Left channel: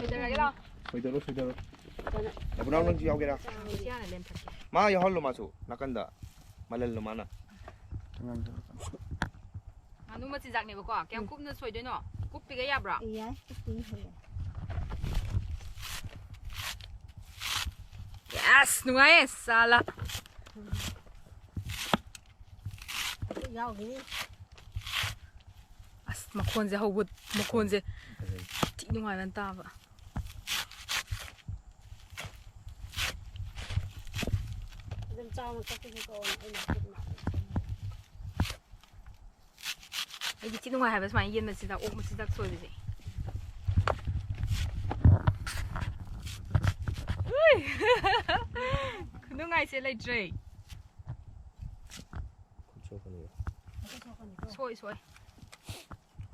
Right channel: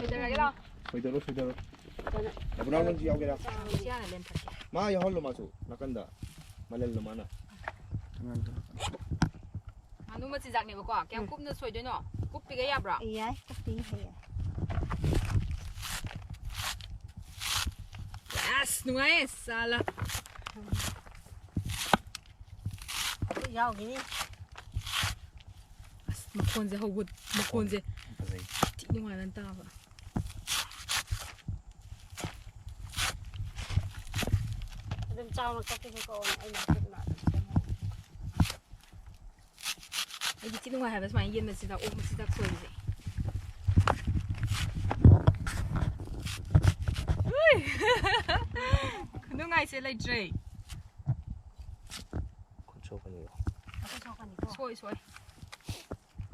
소이더라게라. 소이더로. 나부랑 지 야오게라. 시간에 렌탈게. 마 야할로 마소. 나간다. 말렐로 마나. Nganu machinchak này bà kéo cúp nó xuôi đấy nọ cúp bị cái yạp rồi iya kopi he yes đúng ấy sao là yao gini mà con gì hậu bút mà con gì chị đúng ngoài lần ta vậy đừng trao nó cái con anh là không làm cái chị đúng ngoài hay mà yên là chỉ là ôm một chỉ là xuôi gì đúng ngày sẽ lấy chơi xuôi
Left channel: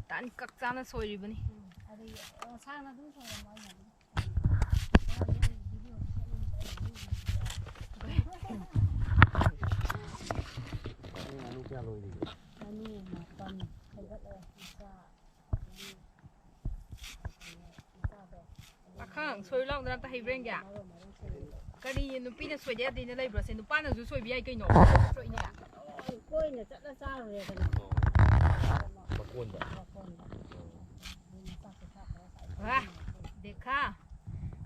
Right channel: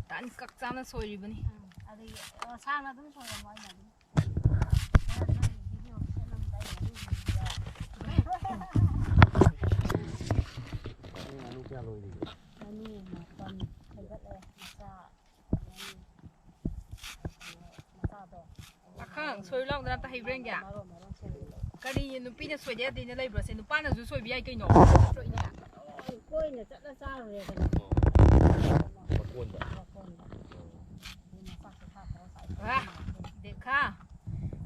tán cắt ra nó xuôi gì vậy nè sang là đúng rồi mọi người khang xuôi lâu người ta hay rèn kìa cái đi nó pin nó xuôi đấy thì nó lấy bữa sen nó pan nó xuôi bị ai cây nổ xuôi nè coi này chắc là sao rồi cái này để khá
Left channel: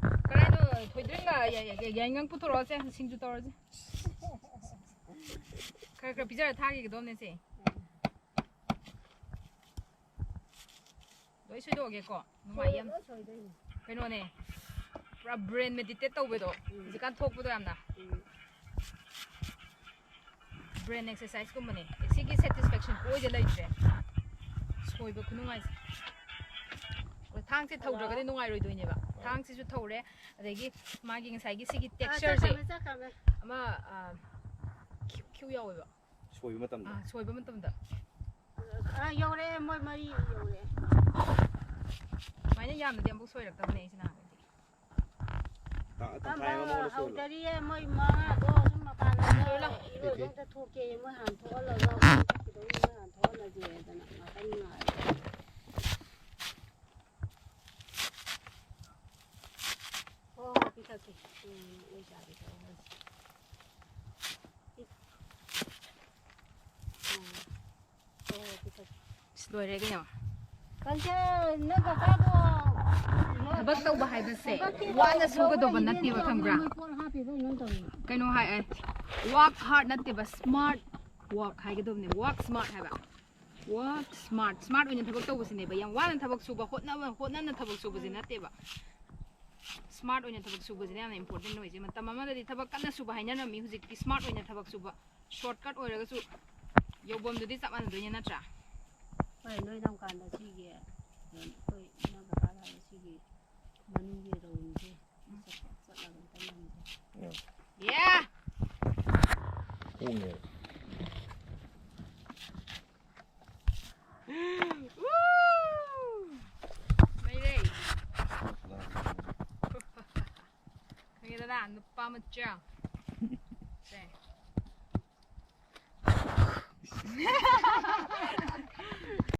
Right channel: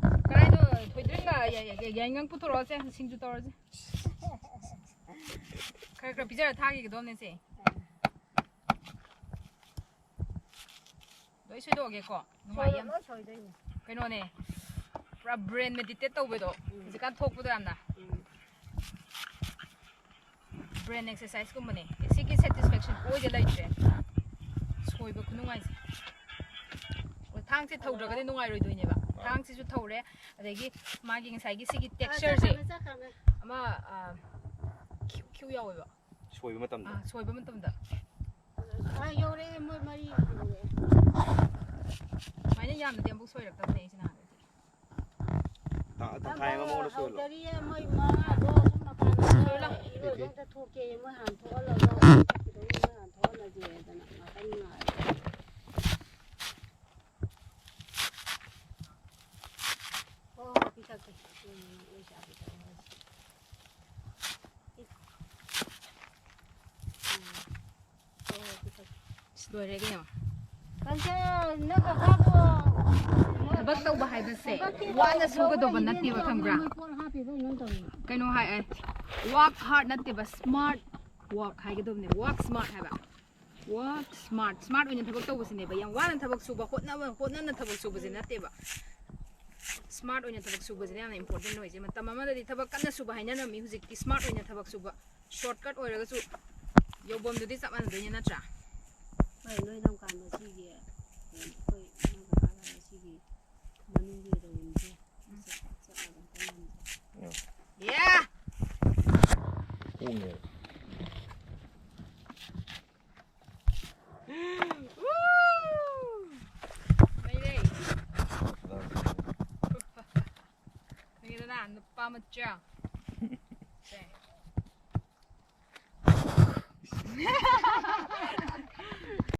cái này nó thôi đừng cái ngang phụ rồi xem sinh chút rồi cái bây giờ thang cái đó nên gì đối xuôi đồ cái co ngoài em cái nó này pra brain meditate tàu về đó chỉ cần thốt vào đó làm nào brain exercise cũng vậy cái cái satisfaction coi cái lấy chứ xuôi vào cũng ngay thang sẽ thâu được cái nung ai rồi đôi nhỉ bạn thang sẽ chút thâu đấy để cái mà cái sai cái texture gì mà Q yêu vậy 소이 맞담다. à xuôi vào tâm đó yêu đấy mới yêu đấy mấy nhà làm tiệm bốc xuôi được tâm này thế nào 다 타이가 먹을 수 있어. 저리에 뭐 뭐 좀 봐라. 이거 좀 토끼 뭐 한 토를 넣어. 이거 한 토를 줘야 되나. 맞나. 비싸게. 의자 비싸. 비싸게. rồi đấy cái nào 근데 내가 가고 thằng tàu bahai bê sè quá là số cái đồ vật nát tiệt vào thằng gra cái nó hay ấy work hard nát tiệt vào smart work hay cái đồ này work smart hay bạn work smart với những thằng tàu bê này bây giờ quá là thằng số bảo hốt nát là thằng số bê nát tiệt vào smart với những thằng số bê này là important rồi chứ mà tầm mà đây thằng cắt nát số bahai nhá nó mình huống cái smart với những thằng số shortcut rồi cái số yêu bom được đi sắp ăn được nhá nát ra vậy nơi đông càn là gì vậy tôi nó cả là gì mà nuôi về rồi chứ rất là gần tay mình yeah 오네. mấy đây cái đó là nó pa mất chưa